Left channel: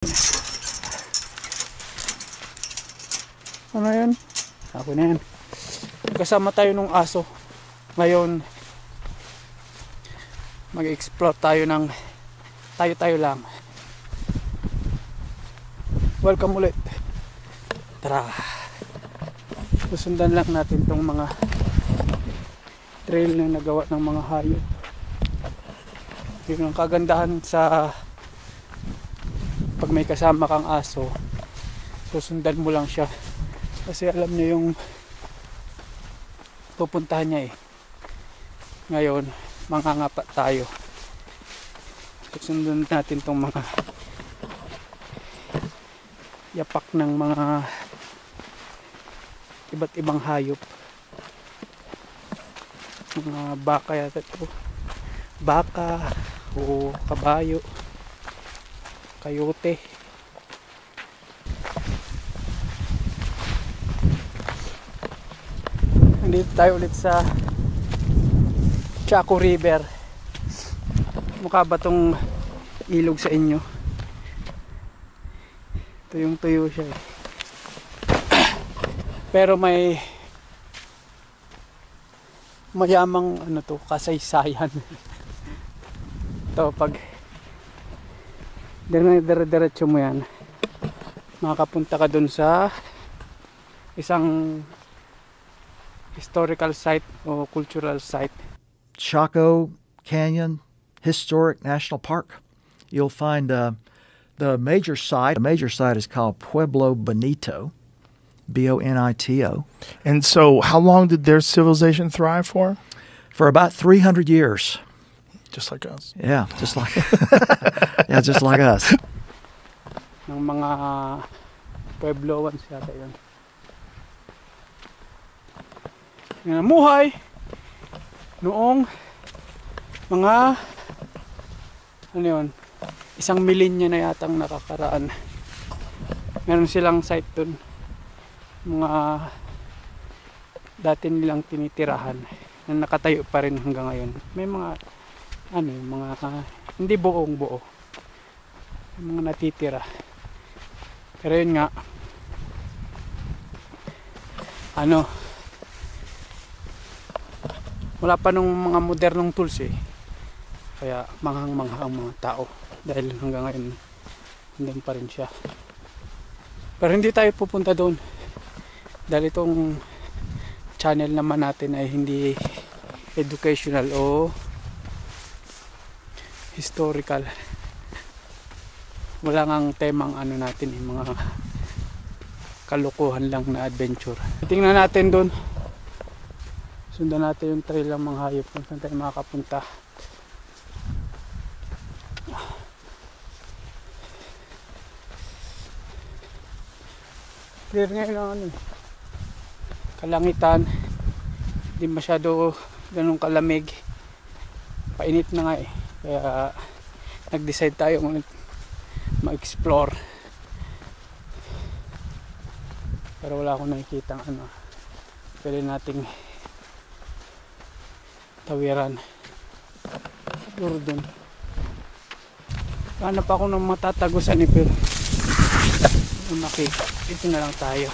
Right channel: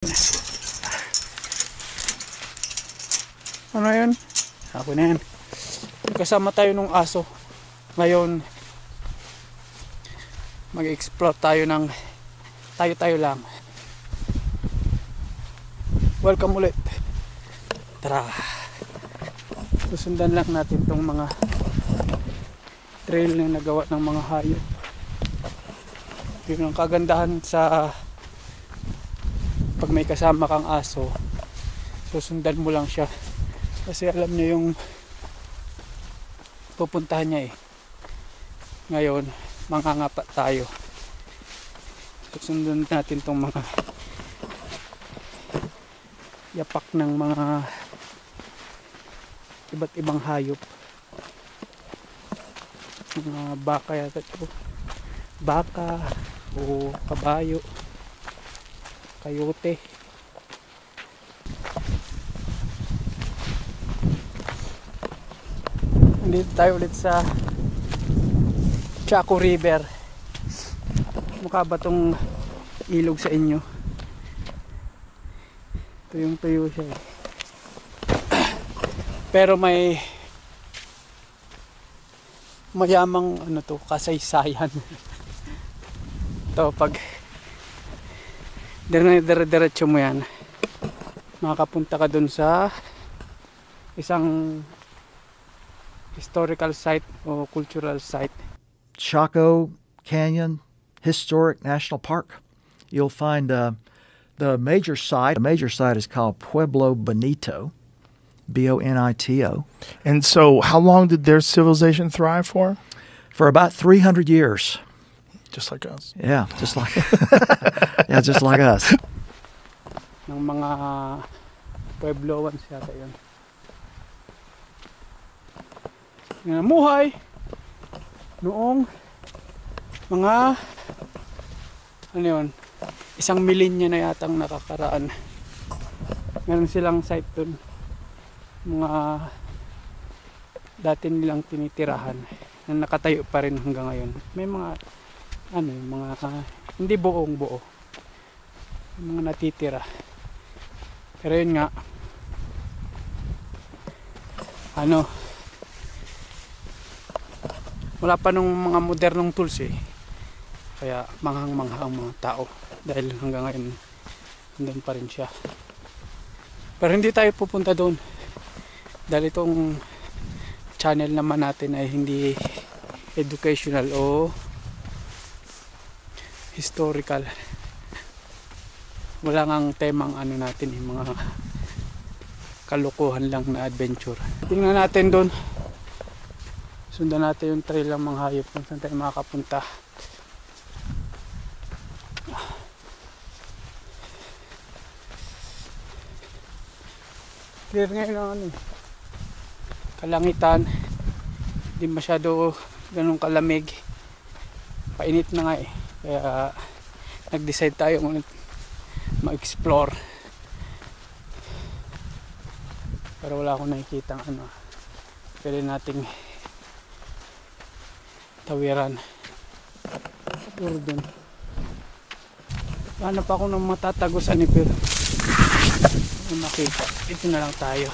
Ano yun? Ako na yan. Kasama tayo nung aso. Ngayon, mag-explore tayo ng tayo lang. Welcome ulit. Tara. Susundan lang natin tong mga trail na nagawa ng mga hayop. Yun ang kagandahan sa pag may kasama kang aso, susundan mo lang siya kasi alam niya yung pupuntahan niya eh. Ngayon mangangapa tayo, susundan natin tong mga yapak ng mga iba't ibang hayop. Mga baka yata ito, baka o kabayo, kayote. Nandito tayo ulit sa Chaco River. Mukha ba tong ilog sa inyo? Tuyong tuyo siya eh. Pero may mayamang ano to, kasaysayan. Ito pag dire-diretso mo yan, makapunta ka dun sa isang historical site o cultural site. Chaco Canyon Historic National Park. You'll find the major site. The major site is called Pueblo Bonito, Bonito. And so, how long did their civilization thrive for? For about 300 years. Just like us. Yeah, just like yeah, just like us. Ng mga Puebloans yata yun. Yung namuhay noong mga ano yun, 1 milenya na yatang nakakaraan. Meron silang site dun, mga dati nilang tinitirahan na nakatayo pa rin hanggang ngayon. May mga ano yung mga hindi buong buo, yung mga natitira. Pero yun nga, ano, wala pa nung mga modernong tools eh, kaya manghang-mangha ang mga tao dahil hanggang ngayon nandun pa rin siya. Pero hindi tayo pupunta doon dahil itong channel naman natin ay hindi educational o historical. Wala ngang temang ano natin yung mga kalukuhan lang na adventure. Tingnan natin doon, sundan natin yung trail ng mga hayop kung saan tayo makakapunta. Clear ngayon ang ano, kalangitan, hindi masyado ganun kalamig, painit na nga eh, kaya nag-decide tayo ma-explore. Pero wala akong nakikita ano pwede nating tawiran. Siguro dun hanap ako ng matatagusan eh, pero makita ito na lang tayo.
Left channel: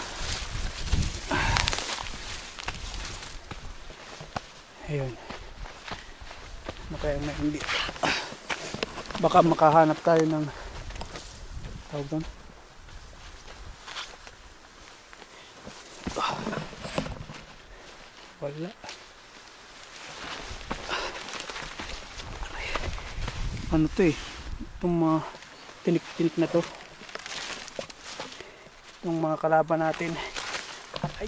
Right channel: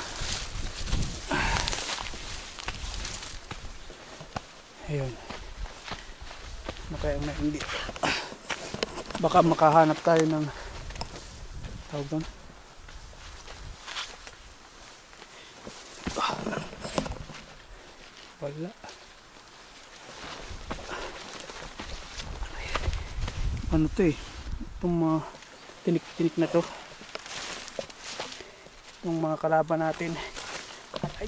Ayun, ano kaya na hindi, baka makahanap tayo ng tawag doon, wala. Ano to eh, itong mga tinik-tinik na to, itong mga kalaban natin. Ay,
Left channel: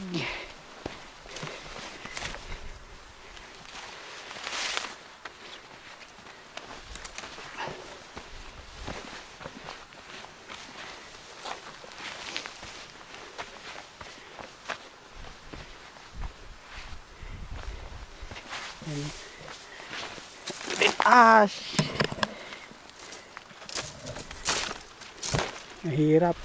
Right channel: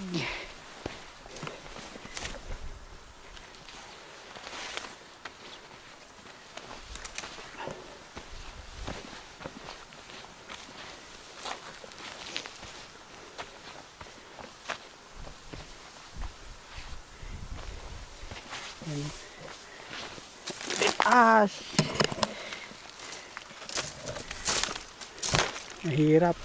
mahirap.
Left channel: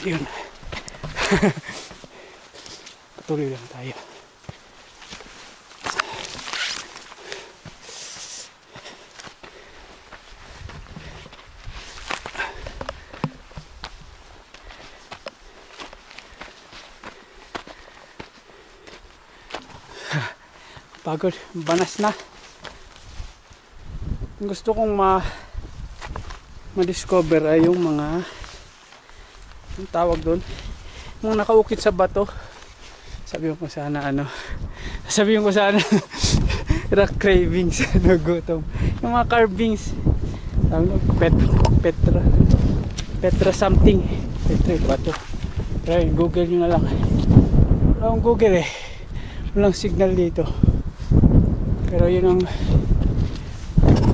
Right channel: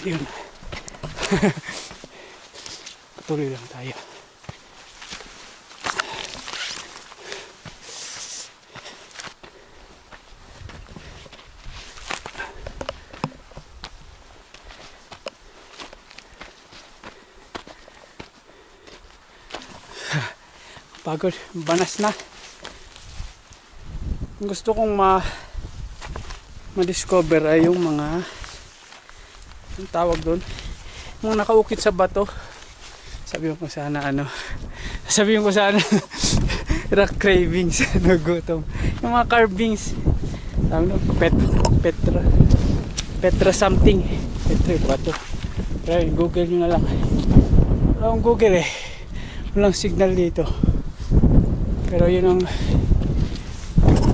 Yun. tuloy lang tayo. Pagod, banas na. Gusto kong ma-discover ay yung mga, ang tawag doon, mga nakaukit sa bato. Sabihin ko sana rock cravings, nagutom. Yung mga carvings, tawag doon, Petra something, Petra bato. Pero Google nyo na lang. Wala akong Google walang signal dito. Pero yun ang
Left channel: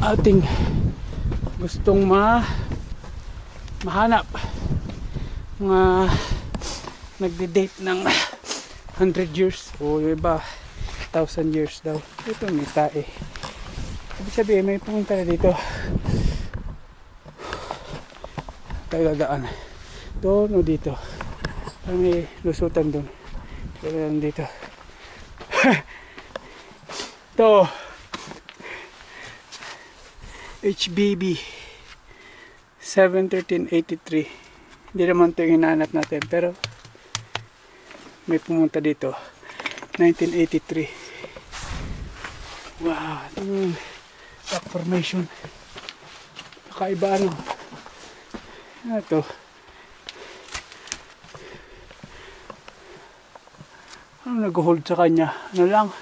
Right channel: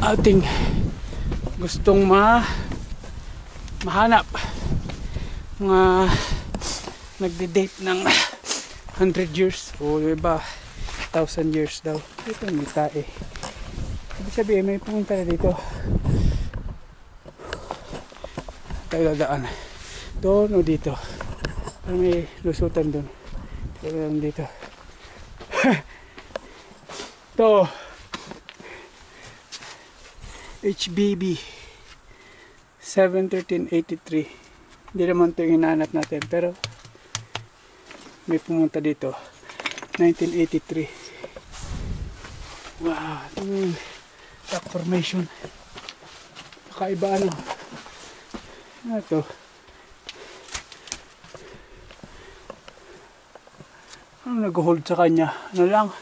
ating gustong mahanap. Mga nagde-date ng 100 years o yung iba 1,000 years daw. Ito may tae. Ibig sabihin may pumunta na dito. Tayo dadaan. Doon o dito. Parang may lusutan doon. Pero lang dito. Ito HBB 71383. Hindi naman ito yung hinahanap natin, pero may pumunta dito 1983. Wow, ito rock formation. Kakaiba ano ito. Ano nag-hold sa kanya? Ano lang,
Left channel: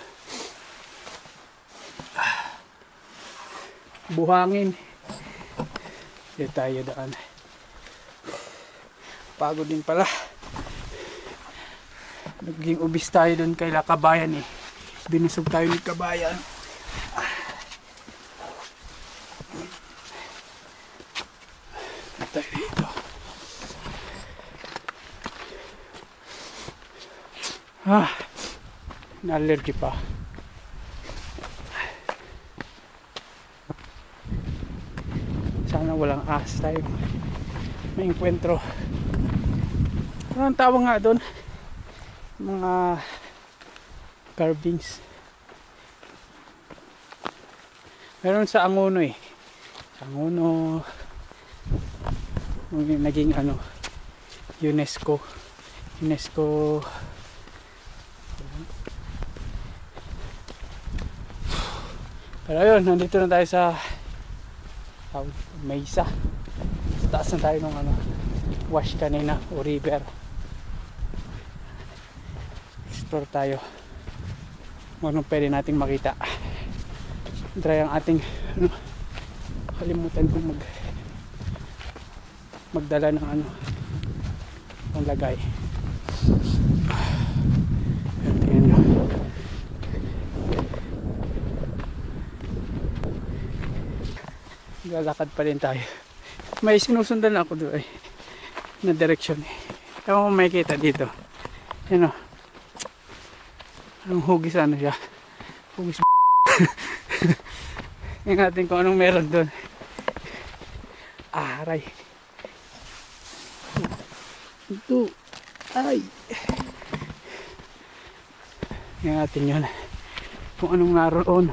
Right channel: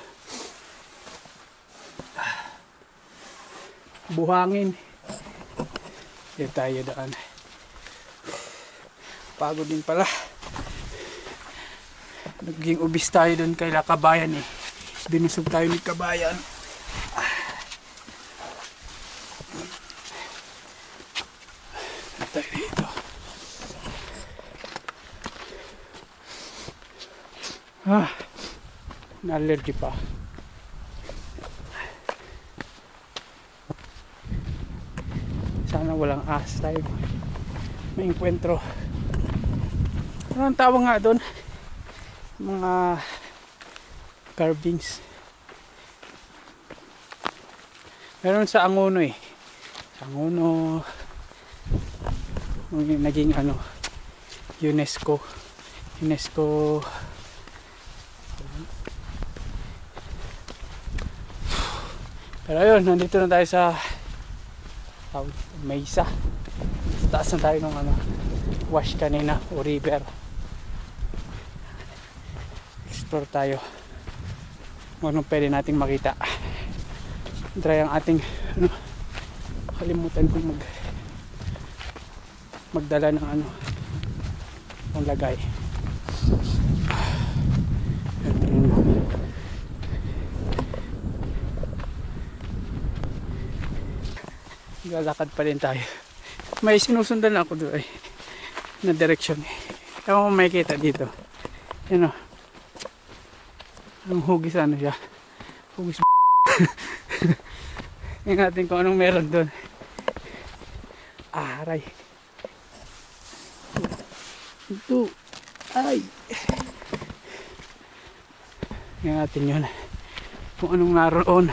buhangin. Hindi tayo daan. Pagod din pala. Naging ubis tayo doon kay Kabayan Binusog tayo ni Kabayan. Tayo dito. Na-allergy pa. Sana walang ahas tayo may enkwentro. Ano ang tawag nga doon? Mga carvings. Meron sa Angono sa Angono naging UNESCO. Pero ayun, nandito na tayo sa Mesa. Taas na tayo ng wash kanina o river. Explore tayo kung anong pwede nating makita. Try ang ating kalimutan kong magdala ng ang lagay. Tingnan nyo. Lalakad pa din tayo. May sinusundan ako doon na direction Ewan mo makikita dito. Yan anong hugis siya? Hugis yung natin kung anong meron doon. Aray. Ito. Ay. Yung natin yun. Kung anong naroon.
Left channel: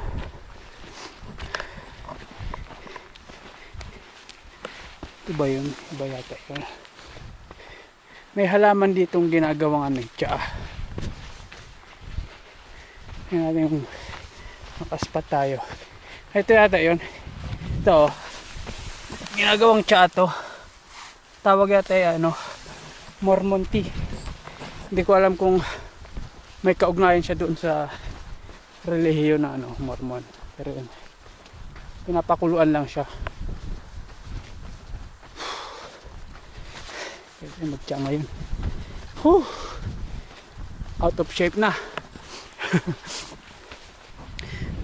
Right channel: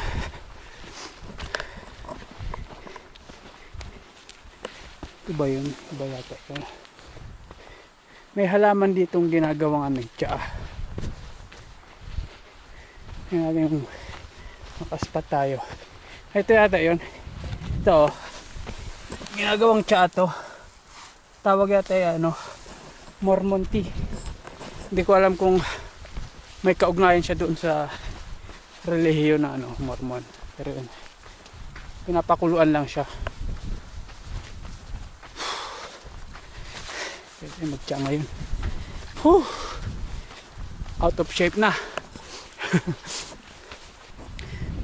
Iba yun. Iba yata yun. May halaman ditong ginagawang tsaa. Yung natin makaspat tayo. Ito yata yun. Ito ginagawang tsaa to. Tawag yata Mormon tea. Hindi ko alam kung may kaugnayan siya doon sa relihiyon na Mormon. Pero yun, pinapakuluan lang siya. Pwede magtya ngayon. Out of shape na.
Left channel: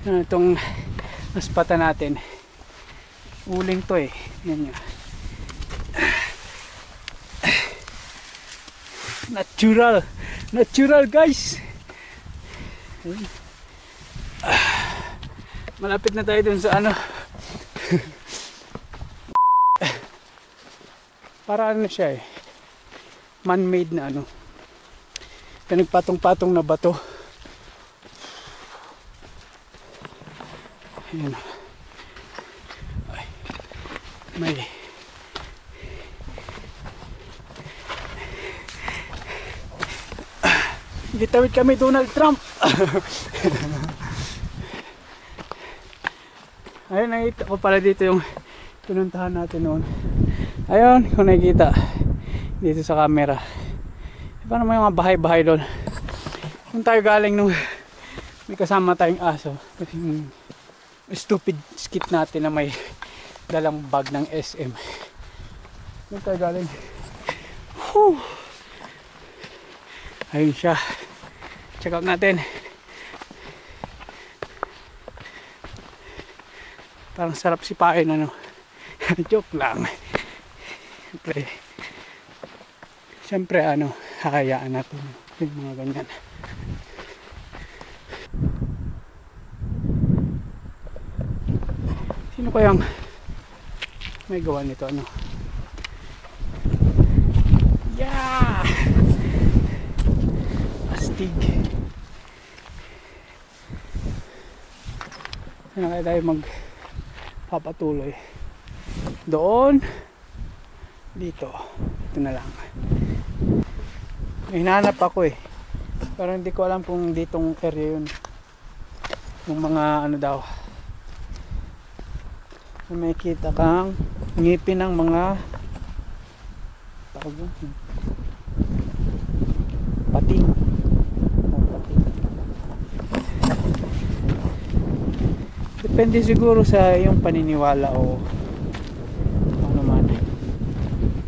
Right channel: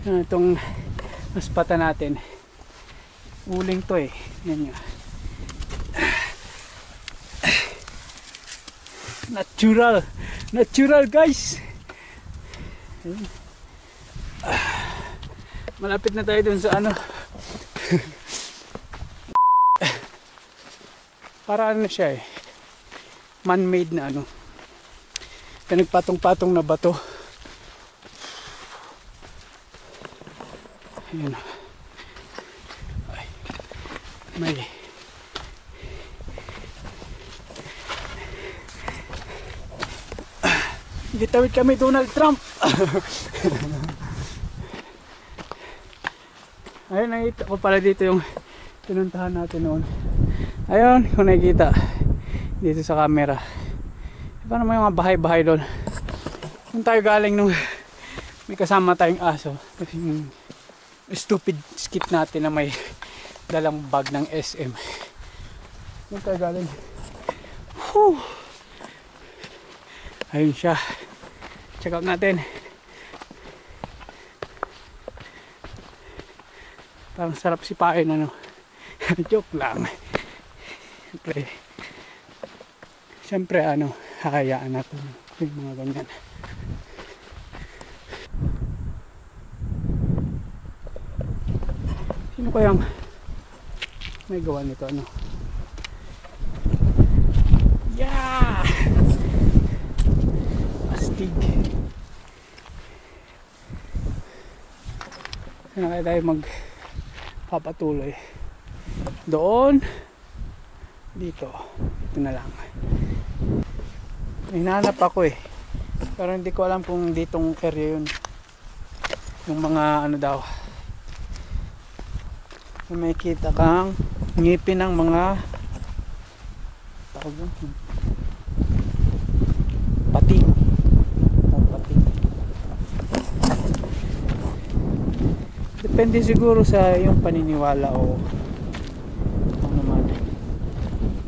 Itong naspata natin, uling to yan nga. Natural guys. Malapit na tayo dun sa para siya man-made na pinagpatong-patong na bato. Ayan. Ay, may gitawid kami Donald Trump. Ayun, nakita ko pala dito yung pinuntahan natin noon. Ayun, kung nakikita dito sa camera. Paano may mga bahay-bahay doon? Kung tayo galing nung may kasama tayong aso. Kasi yung stupid skit natin na may dalang bag ng SM. Doon tayo galing. Whew. Ayun siya. Check out natin. Parang sarap sipain, ano. Joke lang. Siyempre ano, hakayaan natin yung mga ganyan. Sino kayang may gawa nito, ano? Yeah! Astig. Saan kaya tayo magpapatuloy? Doon, dito na lang. Hinahanap ako pero hindi ko alam kung ditong area yun, yung mga ano daw, may kita kang ngipin ng mga tawag yun, pating. Pating depende siguro sa yung paniniwala o ano man.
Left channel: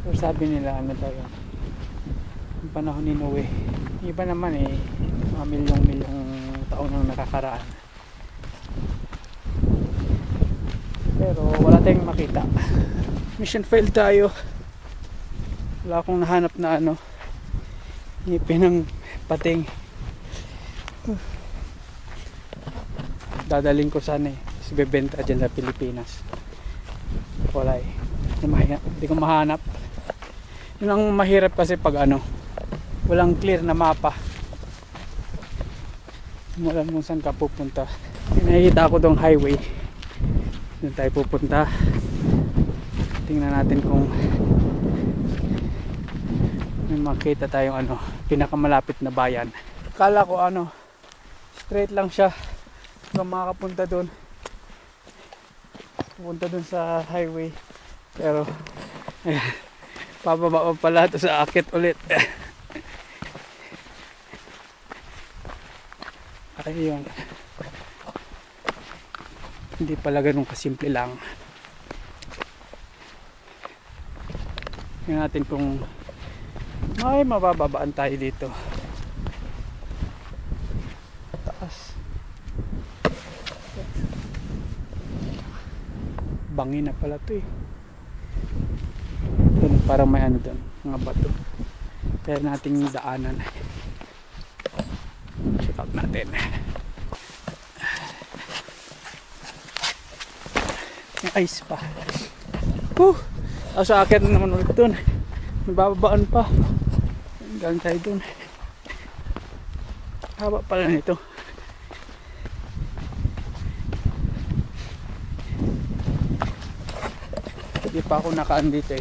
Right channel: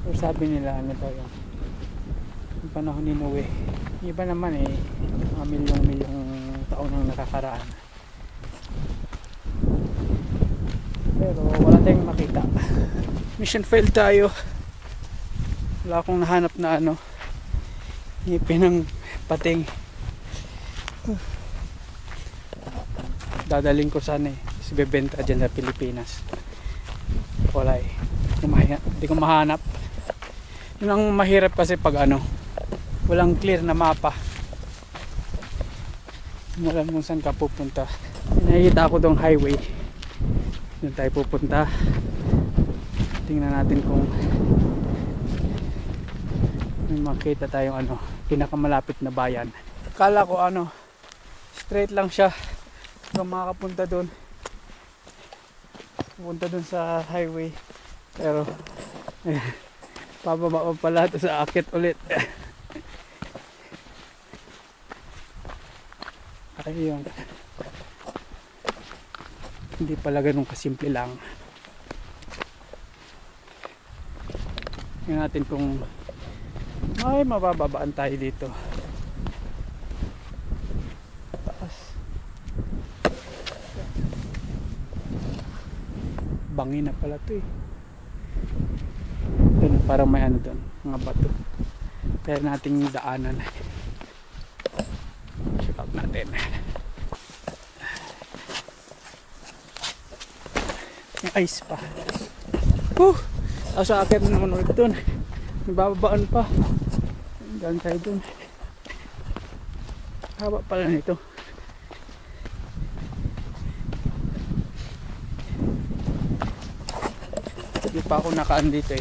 Pero sabi nila ano daw yun, yung panahon ni Noe. Iba naman mga milyong taon nang nakakaraan. Pero wala tayong makita. Mission failed tayo. Wala akong nahanap na ano, ngipin ng pating. Dadaling ko sana kasi bebenta dyan sa Pilipinas. Wala hindi ko mahanap. Yun ang mahirap kasi pag ano, walang clear na mapa. Wala kung saan ka pupunta. Nakikita ako dong highway. Doon tayo pupunta. Tingnan natin kung may makita tayong ano, pinakamalapit na bayan. Kala ko ano, straight lang siya. Kung makakapunta doon. Pupunta doon sa highway. Pero pababa pa pala ito sa akit ulit. Ayun. Hindi pala ganun kasimple lang. Tingnan natin kung may mabababaan tayo dito. Taas. Bangin na pala ito Ganun, parang may ano doon, mga bato. Kaya nating daanan. Check out natin. Yung ice pa. Sa akin naman ulit doon. May bababaan pa. Galing tayo doon. Haba pala nito. Hindi pa ako nakaan dito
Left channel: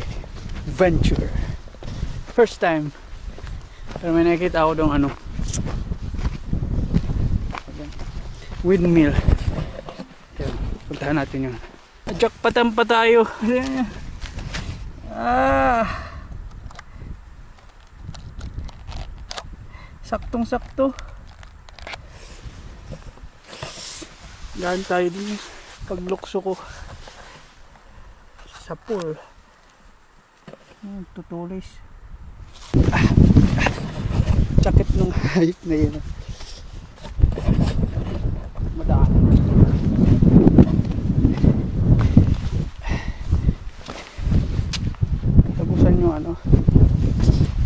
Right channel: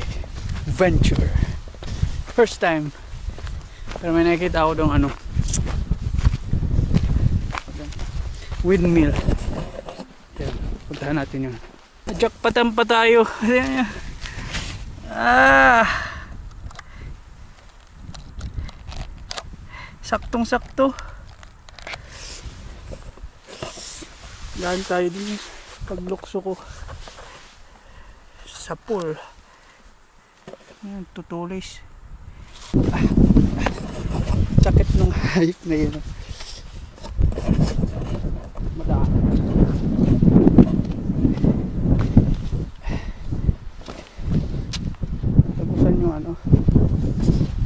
Venture. First time. Pero may nakikita ako doon ano, windmill. Yan, puntahan natin yun. Jackpatan pa tayo. Saktong sakto. Daan tayo din paglukso ko sa pool. Ayan, tutulis. Sakit nung hayop na yun. Madaan. Tagusan yung ano,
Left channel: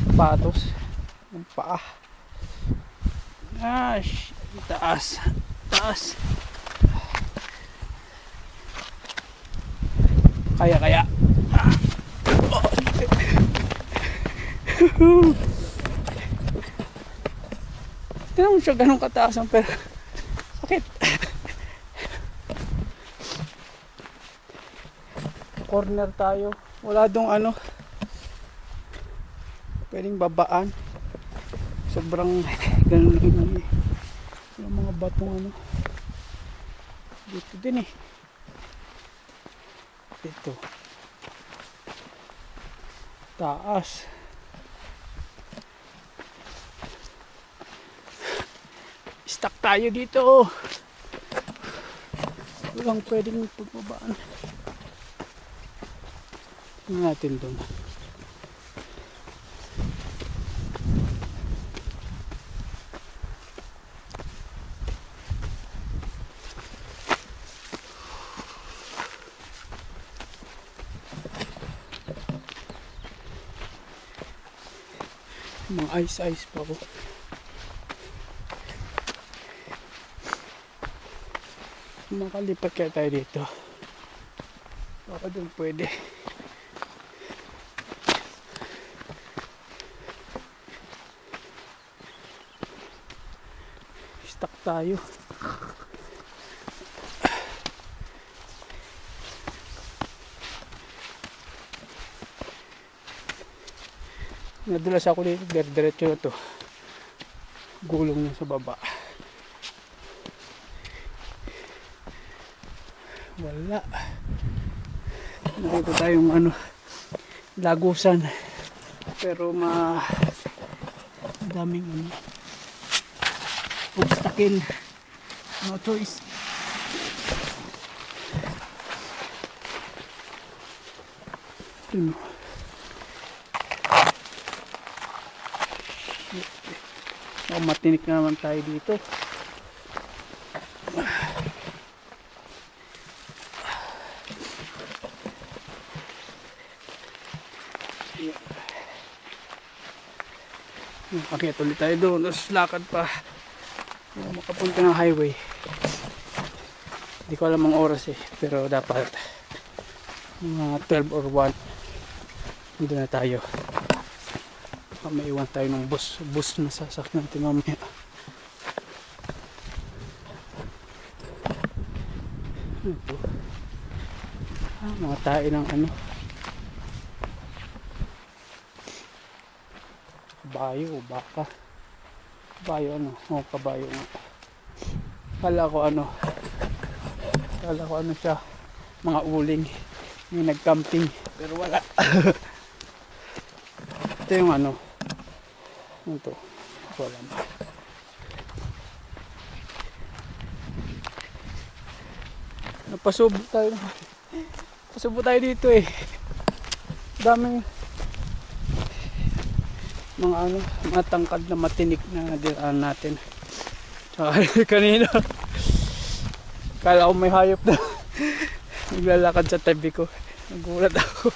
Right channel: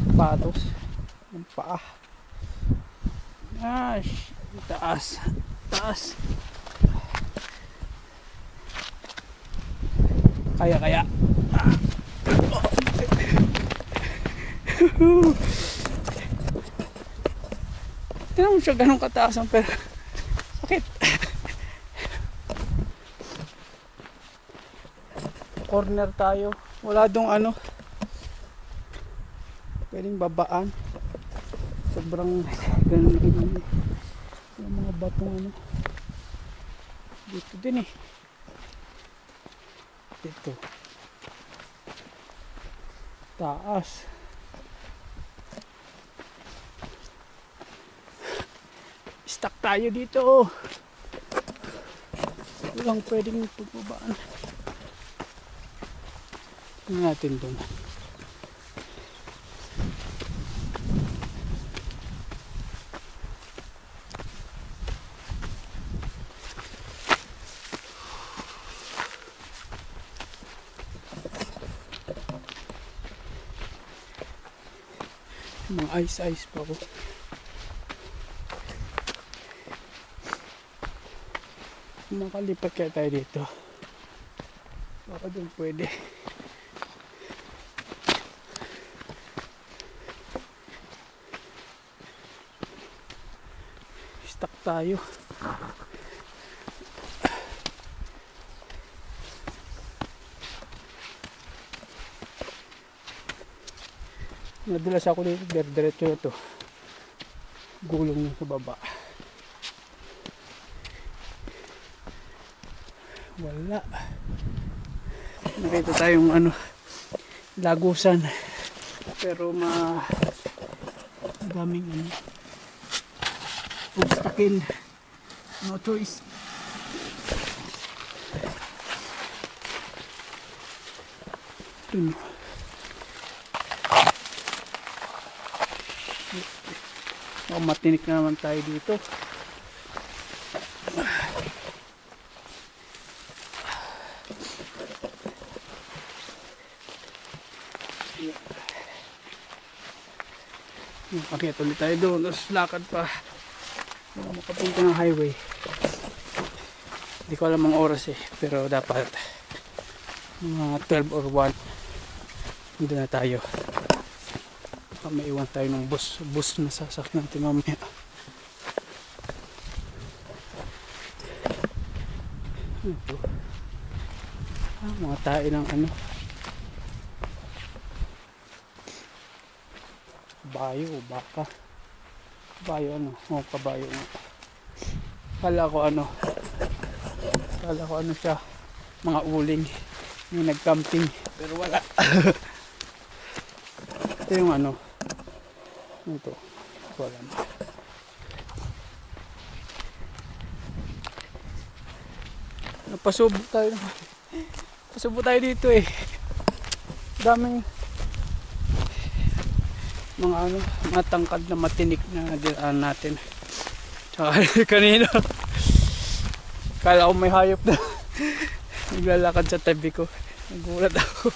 sapatos, yung paa. Taas. Taas. Kaya. Hindi naman siya ganun kataasan pero sakit. Corner tayo. Wala dong ano. Pwedeng babaan. Sobrang ganun lang yung mga batong ano. Dito din eh. Dito. Taas. Stuck tayo dito. Walang pwedeng pagbabaan. Tingnan natin doon. Mga ice pa ko. Makalipat kaya tayo dito. Baka doon pwede. Stuck tayo. Nadulas ako dito, diretso na to. Gulong sa baba. Wala. Nakita tayong ano, lagusan. Pero daming ano, obstacle. No choice. Ito. Oh, matinik na naman tayo dito. Pakit ulit tayo doon. Tapos lakad pa. Makapunta ng highway. Hindi ko alam ang oras eh. Pero dapat mga 12 or 1 doon na tayo. Baka maiwan tayo ng bus na sasakyan natin mamaya. Ito. Mga tae ng ano, kabayo o baka. Kabayo ano? O kabayo nga. Kala ko ano siya, mga uling yung nag-camping pero wala. Ito yung ano ito, wala naman. Napasubo tayo dito eh. Daming mga ano, matangkad na matinik na dinaan natin. Tsaka kanina kala ko may hayop na naglalakad sa tabi ko. Nagulat ako.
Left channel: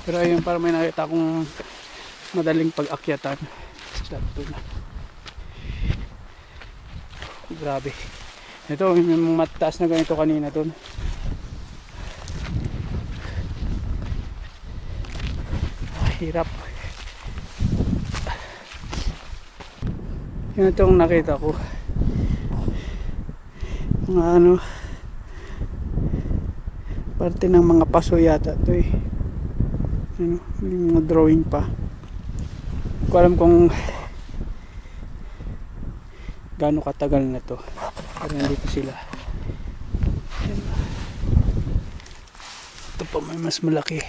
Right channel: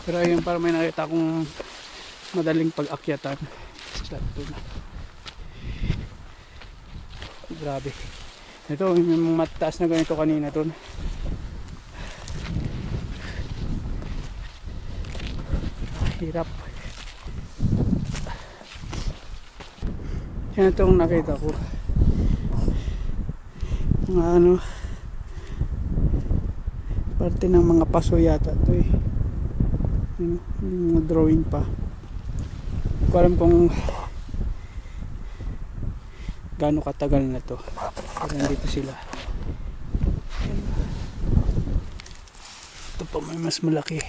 Pero ayun, para may nakita akong madaling pag-akyatan. Grabe. Ito, yung mataas na ganito kanina doon. Hirap. Yan itong nakita ko. Mga ano, parte ng mga paso yata ito eh. Ano, may mga drawing pa. Hindi ko alam kung gaano katagal na to. Pero nandito sila. Ayan. Ito pa may mas malaki.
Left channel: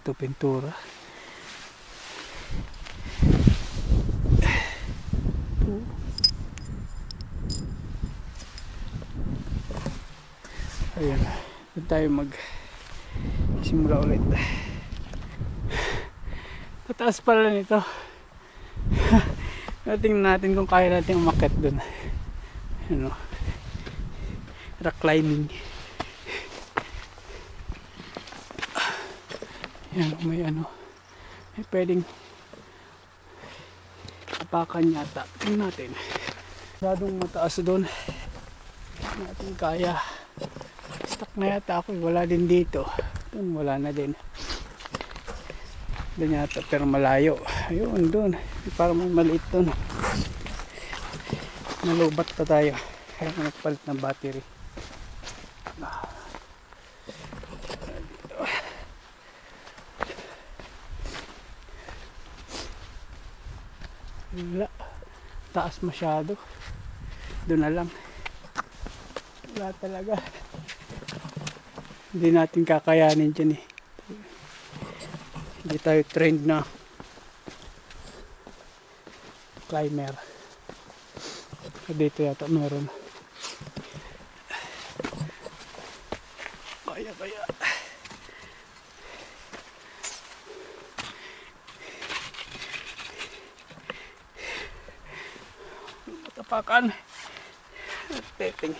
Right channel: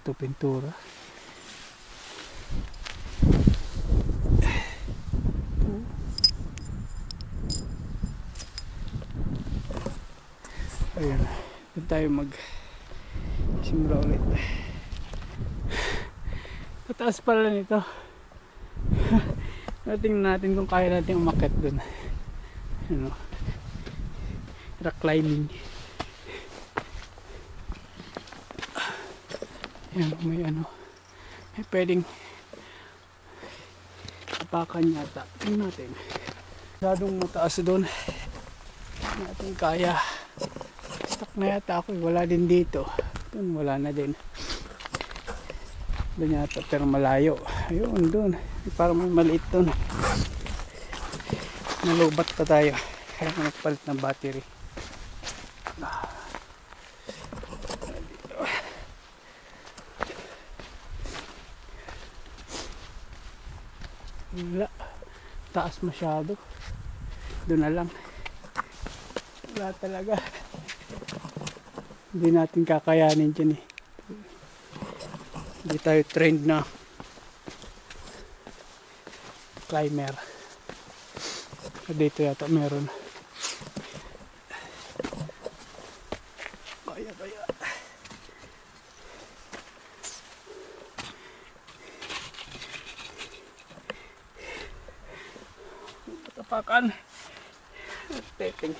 Ito pintura. Ito. Ayan. Doon tayo simula ulit. Tataas pala nito. Tingnan natin kung kaya natin umakyat doon. Ano? Rock climbing. Yan, may ano. May pwedeng apakan yata. Tingnan natin. Masyadong mataas doon. Hindi natin kaya. Stuck na yata ako. Wala din dito. Doon wala na din. Doon yata, pero malayo. Ayun, doon. Parang may maliit doon. Nalubat pa tayo. Kaya nagpalit ng battery. Wala. Taas masyado. Doon na lang. Wala talaga. Hindi natin kakayanin dyan eh. Hindi tayo trained na climber. Dito yata meron. Kaya. Matapakan. Teting.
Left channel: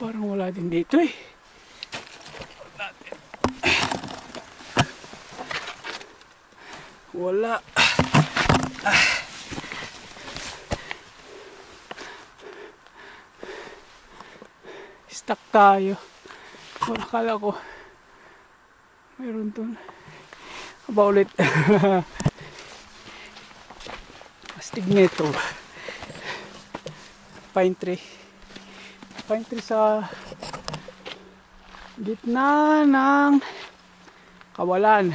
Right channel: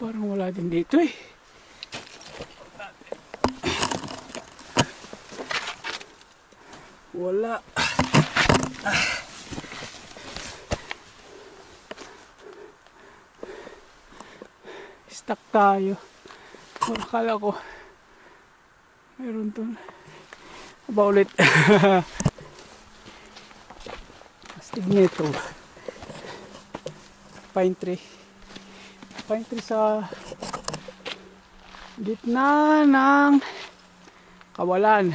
Parang wala din dito eh. Wala. Stuck tayo. Wala, akala ko meron dun. Aba ulit. Astig nito. Pine tree. Pine tree sa gitna ng kawalan.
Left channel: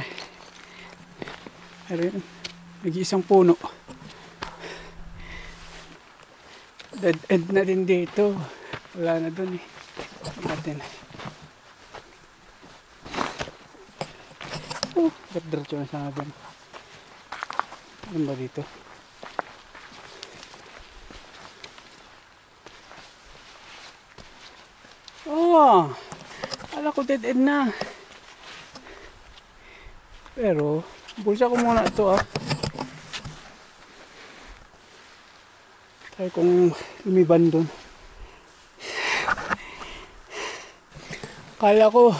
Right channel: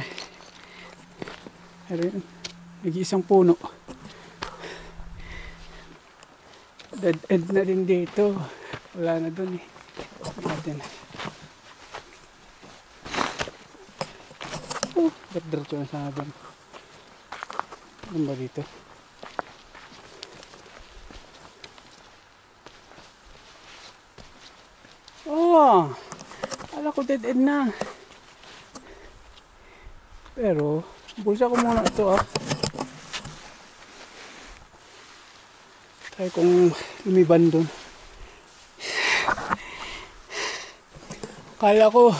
Ayun, nag-iisang puno. Dead end na din dito. Wala na dun eh. Natin. Diretso na sana dun. Ano ba dito? Oh! Akala ko dead end na. Pero bulsa ko muna ito ah. Try kong lumiban dun. Kala ko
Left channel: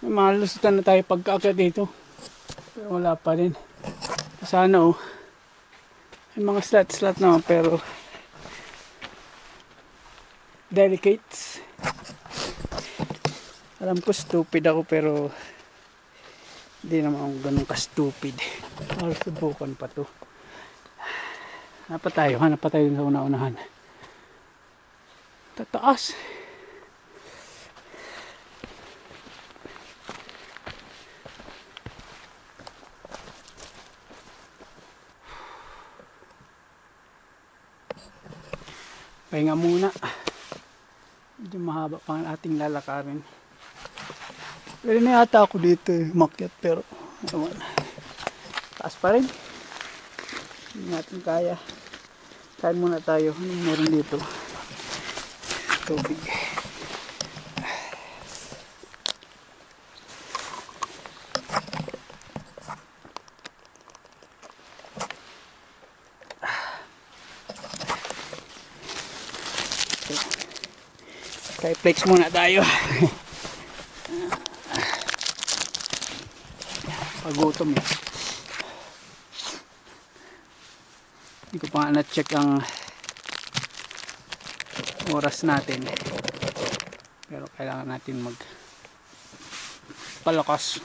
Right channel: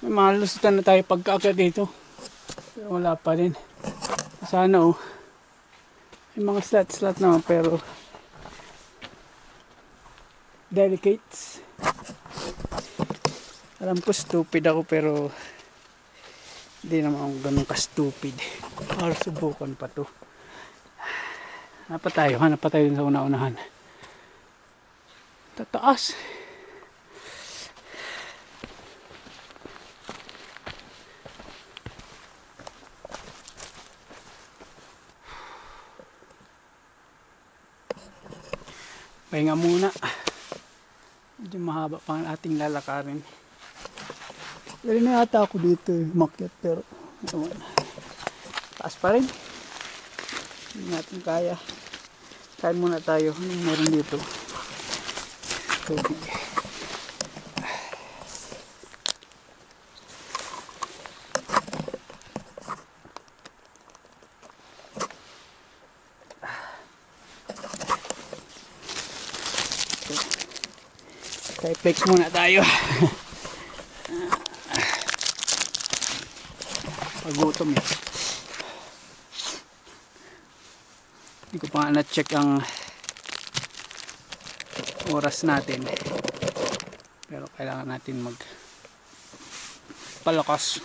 may malusutan na tayo pagkaakyat dito. Pero wala pa rin. Sana oh. May mga slot naman pero delicates. Alam ko stupid ako pero hindi naman ako ganun ka-stupid. Para subukan pa to. Hanap pa tayo dun sa una-unahan. Tataas. Pahinga muna. Medyo mahaba pa ang ating lalakarin. Pwede na yata ako dito umakyat pero naman. Taas pa rin. Hindi natin kaya. Kain muna tayo. Anong meron dito? Tubig. Kaya flex muna tayo. Pagutom eh. Hindi ko pa nga na-check ang oras natin. Pero kailangan natin magpalakas.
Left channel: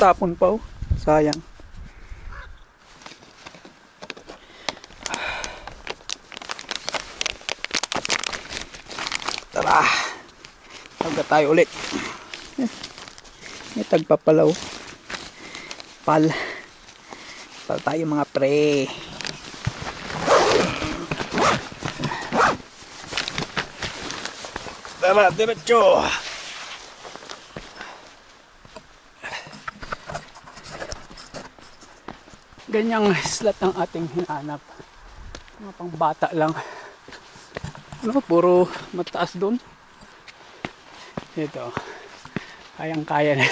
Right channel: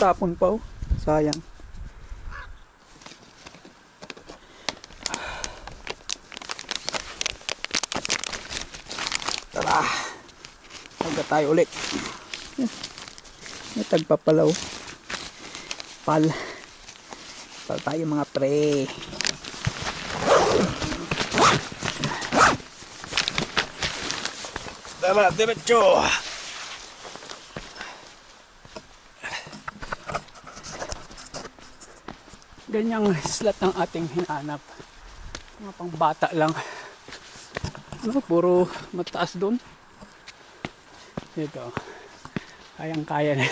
Tapon pa oh. Sayang. Tara. Tagka tayo ulit. May tagpapalaw. Pal tayo mga pre. Tara, diretso. Ganyang slot ang ating hinahanap. Mga pang bata lang. No, puro mataas doon. Ito. Kayang-kaya na.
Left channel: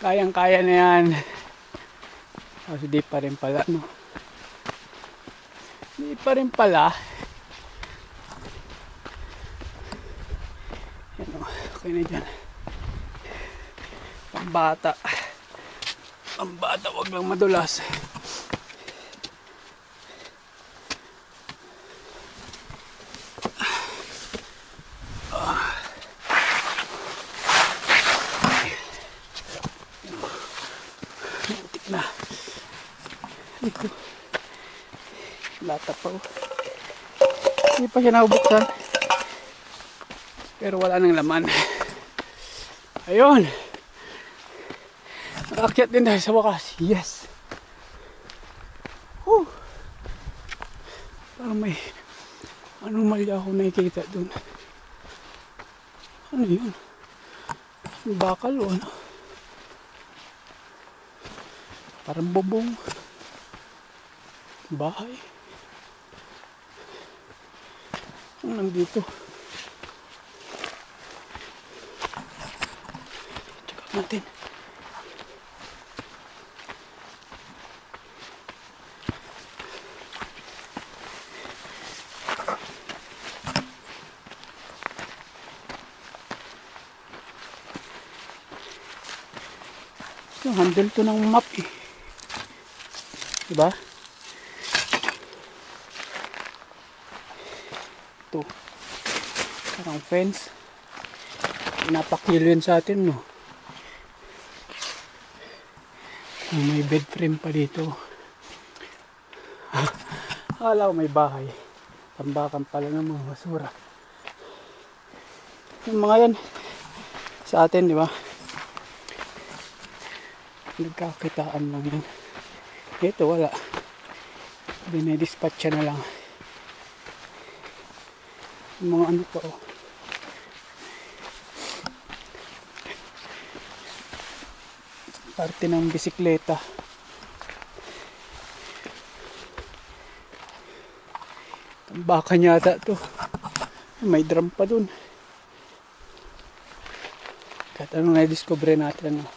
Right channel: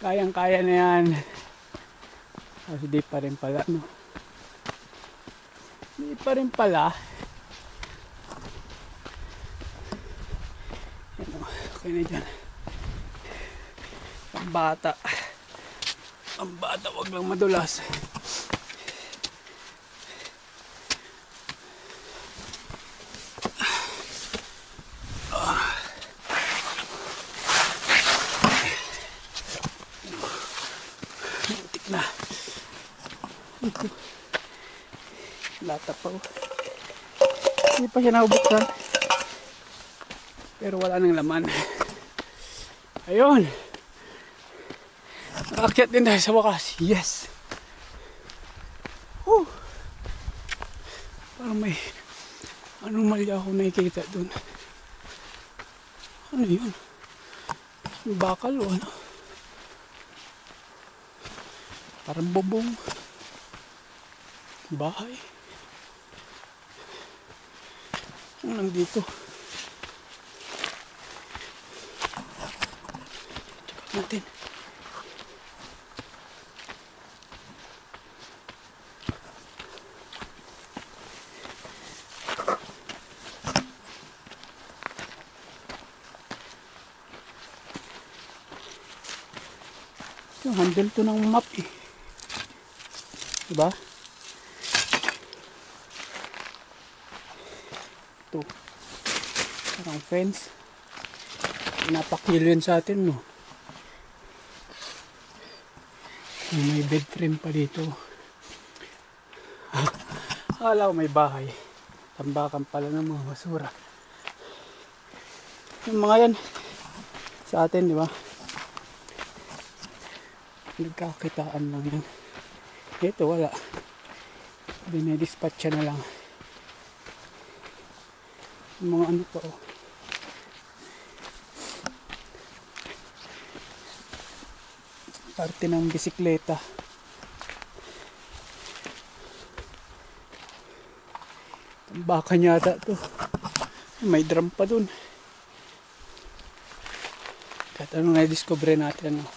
Kayang-kaya na yan. Kasi di pa rin pala, no? Di pa rin pala. Yan o. Okay na dyan. Pang bata. Ang bata, wag lang madulas. Hintik na. Ito. Lata pa oh. Hindi pa siya nabuksan. Pero wala nang laman. Ayun. Nakakyat din tayo sa wakas. Yes. Whew. Parang may anomalya ako nakikita dun. Ano yun? Bakal o ano? Parang bubong. Bahay. Ano nandito? Check natin. Yung handle to ng map eh. Diba? Ito. Parang fence. Pinapakilo yun sa atin, no? May bed frame pa dito. Akala ko may bahay. Tambakan pala ng mga basura. Yung mga yan sa atin, di ba? Nagkakitaan lang yan. Ito wala. Dinedispatcha na lang. Yung mga ano pa oh. Parte ng bisikleta. Tambakan yata to. May drum pa dun. Kahit anong na-discover natin. No?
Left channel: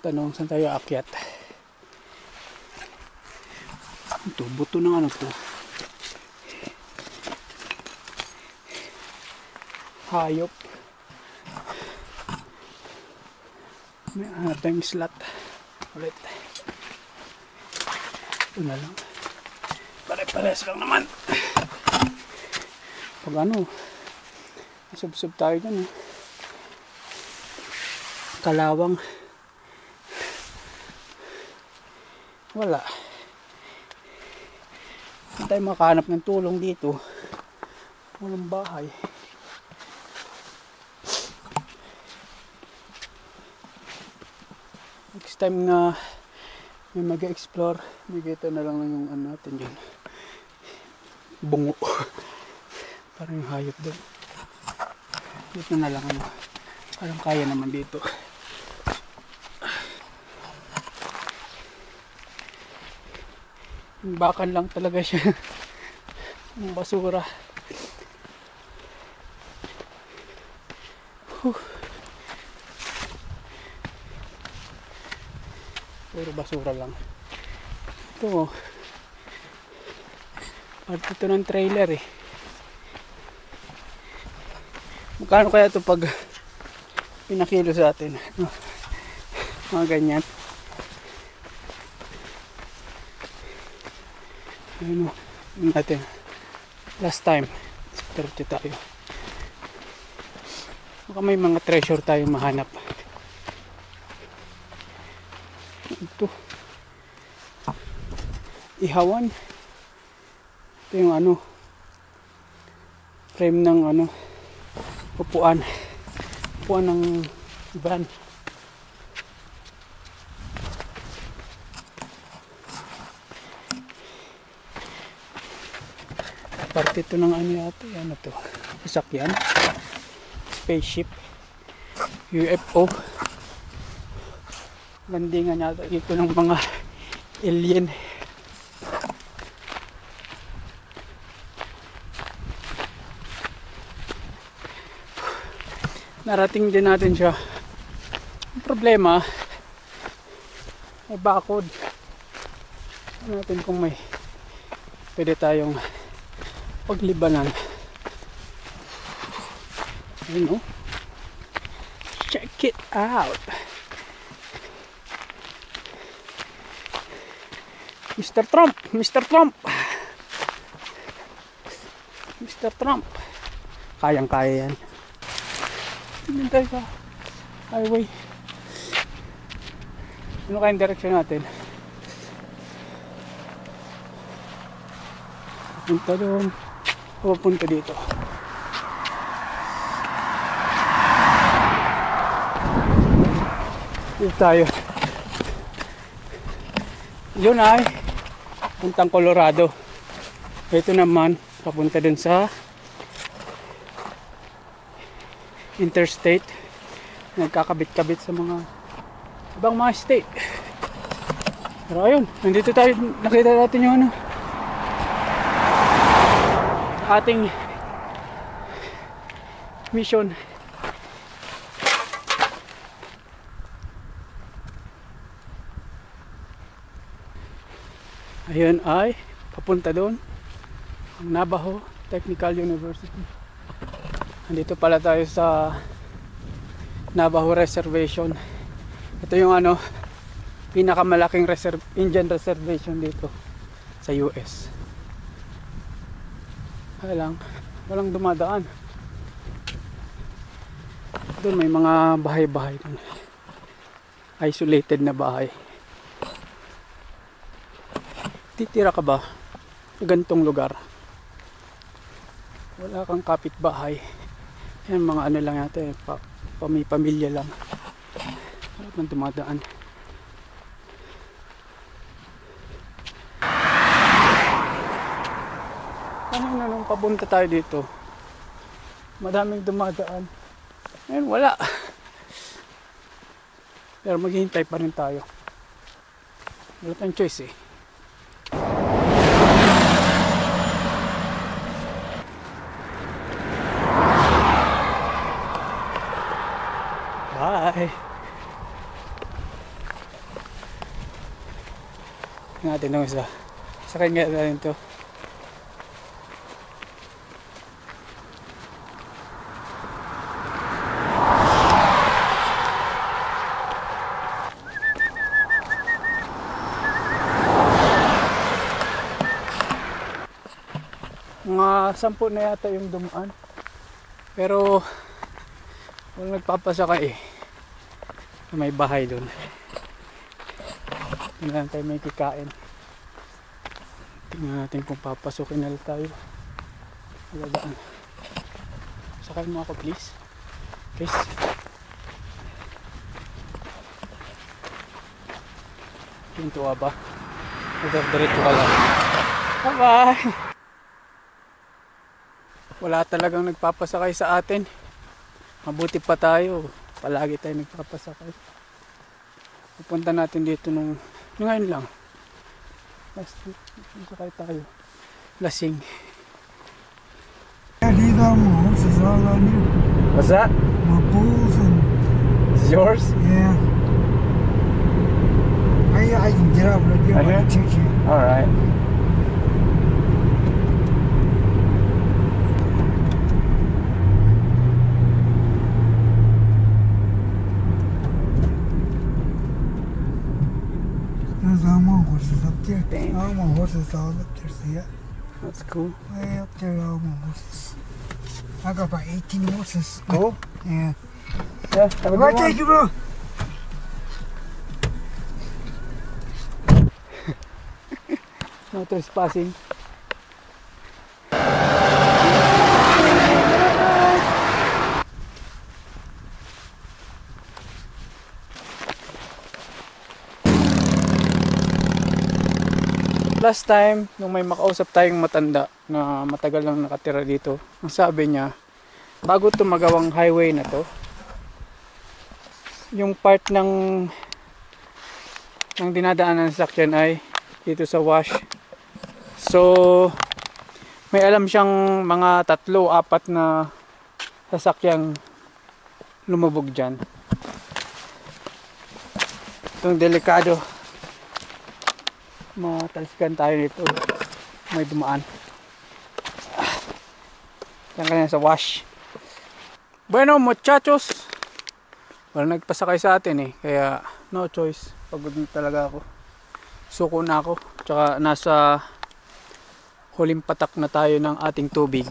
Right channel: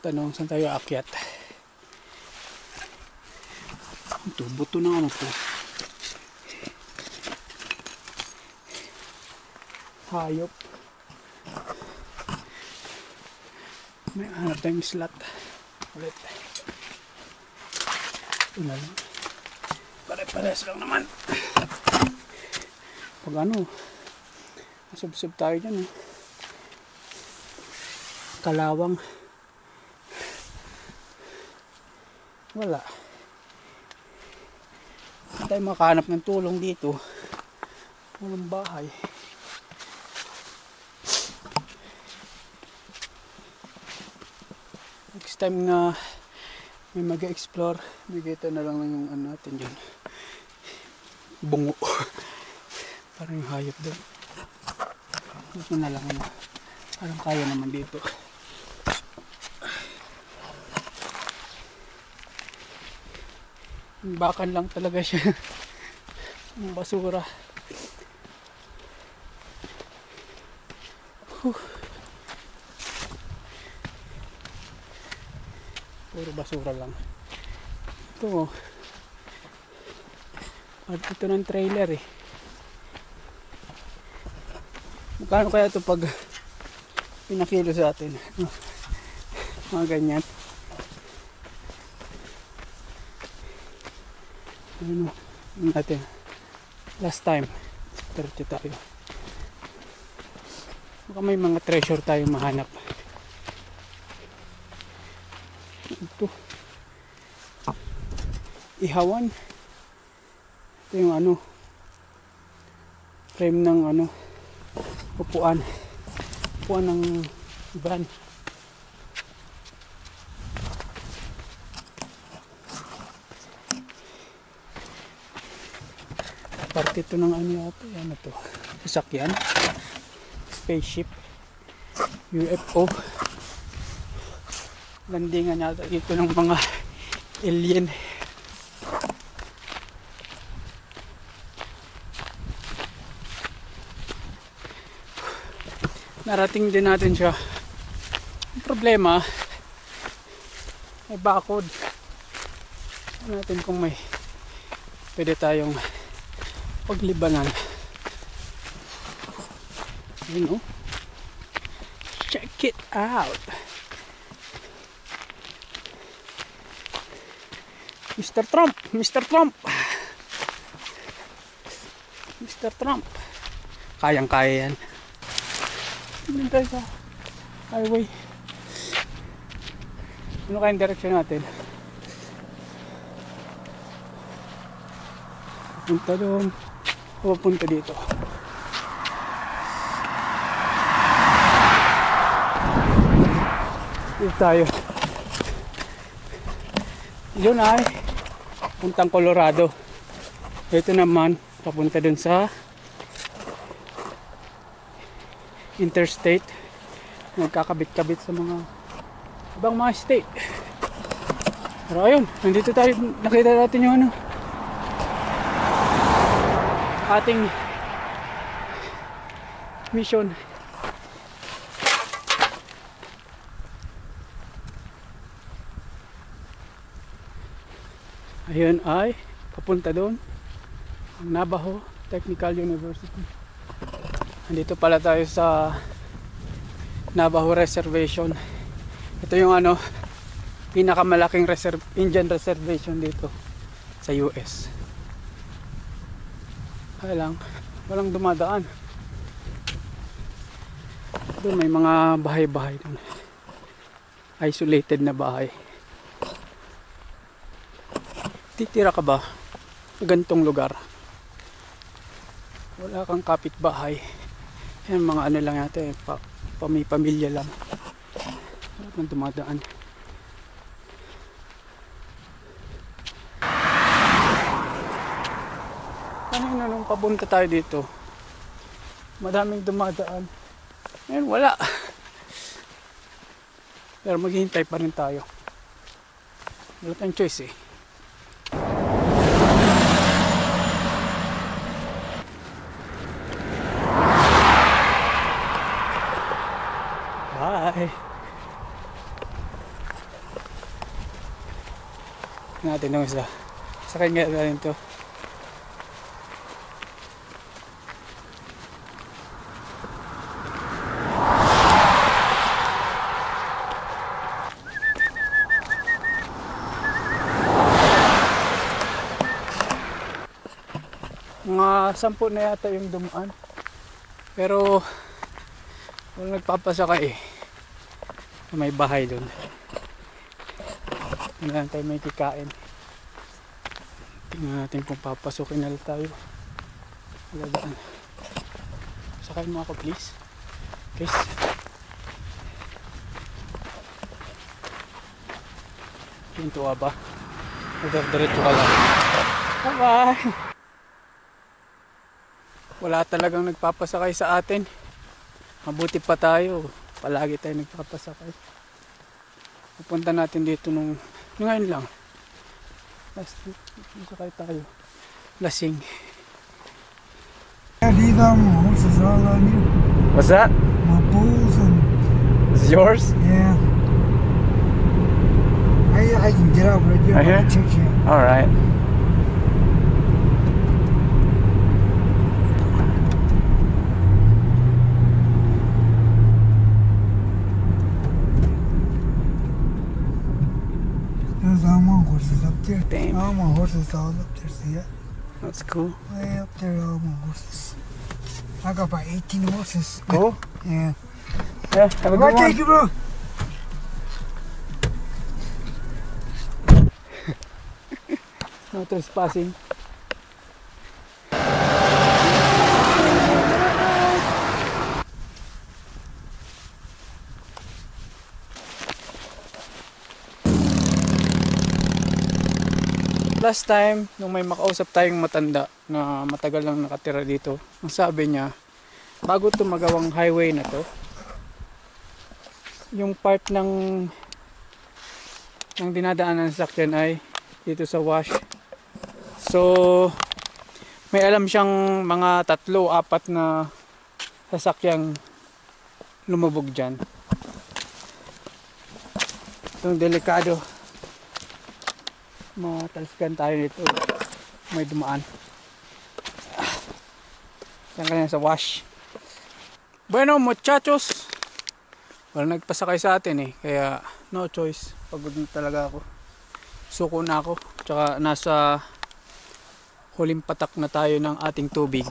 Tanong, saan tayo aakyat? Ito, buto ng ano to? Hayop. May hanap tayong slot. Ulit. Ito na lang. Pare-pares lang naman. Pag ano, masubsob tayo dyan. Kalawang. Wala. Hindi tayo makahanap ng tulong dito. Walang bahay. Next time na may mag-explore, may gito na lang yung ano natin dyan. Bungo. Parang yung hayop doon. Dito na lang ano. Parang kaya naman dito. Bakan lang talaga siya. Ang basura. Puro basura lang. Ito oh. Part ito ng trailer eh. Magkano kaya ito pag pinakilo sa atin? Mga ganyan. Ayun o, yun natin. Last time, 30 tayo. Baka may mga treasure tayong mahanap. Ito. Ihawan. Ito yung ano, frame ng ano, upuan. Upuan ng van. Parte ito ng ano yata, ano to, sasakyan, spaceship, UFO, landingan yata dito ng mga alien. Narating din natin siya. Ang problema, may bakod. Tignan natin kung may pwede tayong paglibanan. Ayun o. Check. Check it out. Mr. Trump, Mr. Trump. Mr. Trump. Kayang-kaya yan. Tignan tayo sa highway. Ano kayang direksyon natin? Punta doon. O punta dito. Dito tayo. Yun ay puntang Colorado. Ito naman papunta dun sa interstate. Nagkakabit-kabit sa mga ibang mga state. Pero ayun, nandito tayo, nakita natin yung ano, ating mission. Ayun ay papunta doon ang Navajo Technical University. Nandito pala tayo sa Navajo Reservation. Ito yung ano, pinakamalaking Indian reservation dito sa US. Kaya lang, walang dumadaan. Doon may mga bahay-bahay doon. Isolated na bahay. Titira ka ba sa ganitong lugar? Wala kang kapitbahay. Yan mga ano lang yata eh, pamilya lang. Wala pang dumadaan. Kanina nung papunta tayo dito, madaming dumadaan. Ngayon wala. Pero maghihintay pa rin tayo. Wala tayong choice eh. Bye. Natin yung isa. Sakay nga natin to. Mga 10 na yata yung dumaan. Pero walang nagpapasakay eh. May bahay doon. Hindi lang tayo may kikain. Tingnan natin kung papasukin na tayo. Wala daan. Sakay mo ako please. Please. Pinto ba? Diretso ka lang. Bye bye. Wala talagang nagpapasakay sa atin. Mabuti pa tayo. Palagi tayo nagpapasakay. Pupunta natin dito nung ngayon lang. Last week, sakay tayo. Lasing. These are my horses all on you. What's that? My bulls and Is yours? yeah. I can get out right there. Right here? Take you. Alright. There's all my horses up there. Damn. All my horses all up there. See that? That's cool. Way up there, all my horses. I got about 18 horses. Cool. Yeah. Yeah, have a Right, good thank you, bro. No trespassing. Last time, nung may makausap tayong matanda na matagal lang nakatira dito, ang sabi niya, bago ito magawang highway na to, yung part ng dinadaanan ng sasakyan ay dito sa wash. So, may alam siyang mga 3-4 na sasakyang lumubog dyan. Itong delikado. Matalsikan tayo nito. May dumaan. Yan kanina sa wash. Bueno muchachos, Wala nagpasakay sa atin eh. Kaya no choice. Pagod na talaga ako. Suko na ako. Tsaka nasa huling patak na tayo ng ating tubig.